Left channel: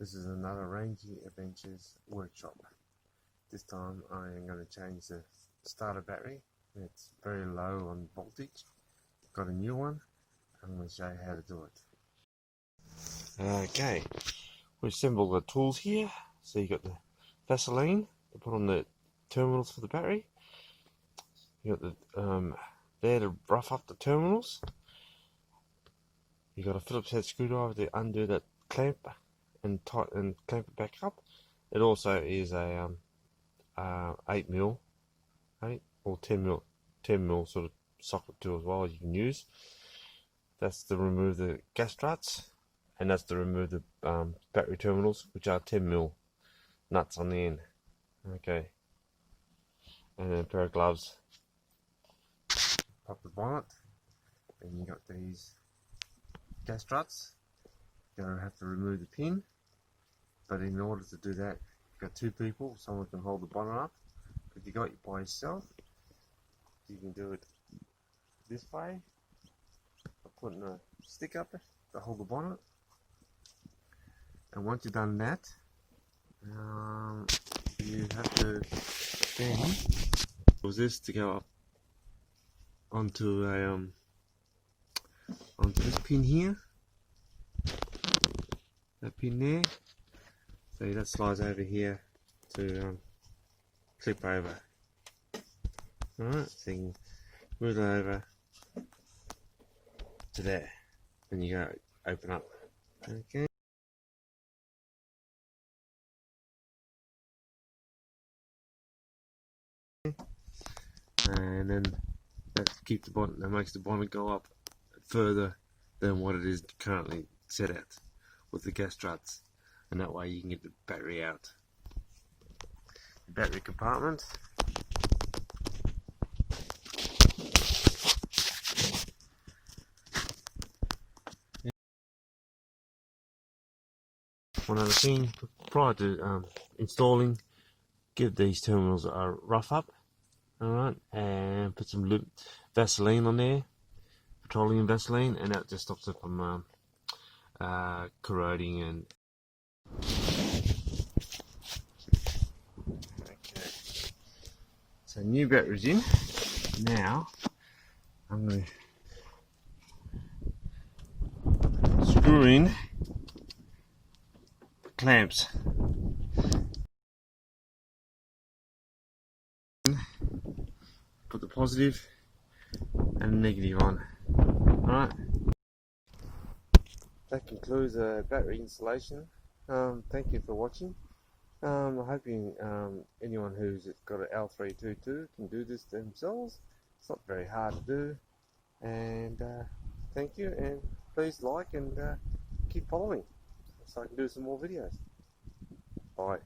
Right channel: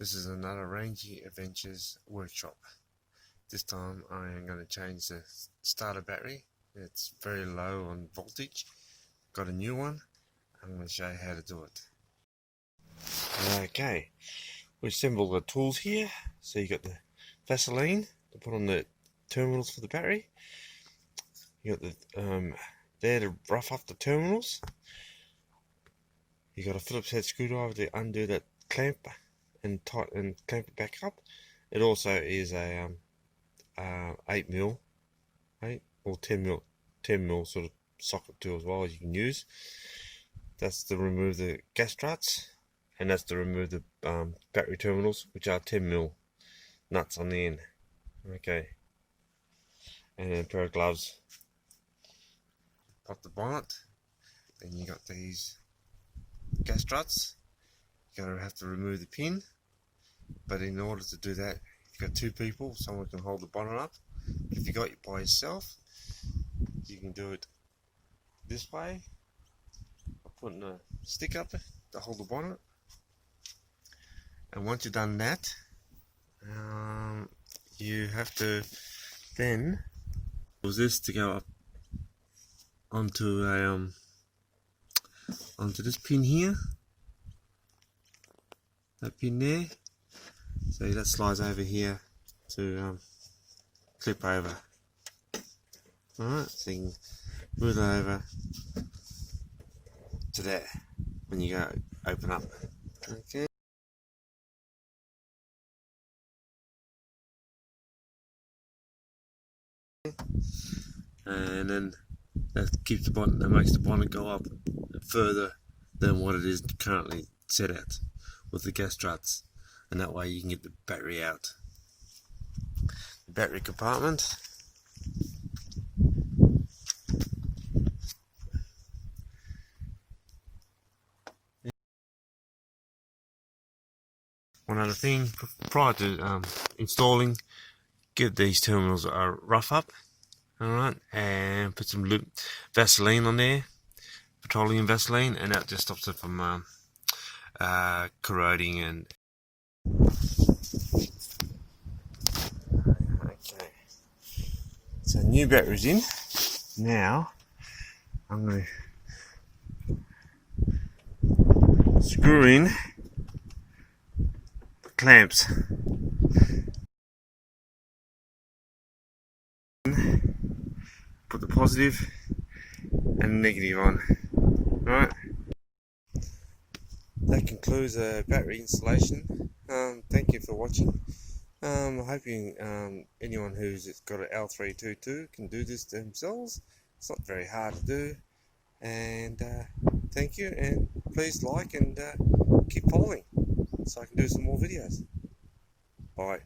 This is another RangieAdventures Workshop. This time I am going to change the starter battery. It's very low on voltage. Got a new one. I'm going to show you how to do it. Okay, we assembled the tools here. So you got the Vaseline to put on the terminals for the battery. You got the there to rough up the terminals. You got a Phillips head screwdriver to undo that clamp and clamp it back up. It also is a 8mm, 8 or 10mm sort of socket tool as well as you can use. That's to remove the gas struts, and that's to remove the battery terminals, which are 10mm nuts on the end. Okay, and then a pair of gloves. Pop the bonnet. Then you got these gas struts. You're going to have to remove the pin, but in order to do that, you've got two people. Someone can hold the bonnet up. If you got it by yourself, you can do it this way, putting a stick up to hold the bonnet. And once you've done that, you have to then use this to go up onto this pin here. That pin there, so that slides over here to clip over. Alright, so you can move it over to there when you go open up. Okay. And then that keeps the bonnet, that makes the bonnet go up further than what it is currently set at with the gas struts, and that way you can get the battery out. The battery compartment. One other thing, prior to installing, give these terminals a rough up, alright, and put some Vaseline on there, petroleum Vaseline, and that just stops it from corroding. And okay, so new battery's in. Now I'm going to screw in the clamps. Put the positive and negative on. Alright, that concludes the battery installation. Thank you for watching. I'm hoping anyone who's got an L322 can do this themselves. It's not very hard to do. And thank you, and please like and keep following so I can do some more videos. Bye.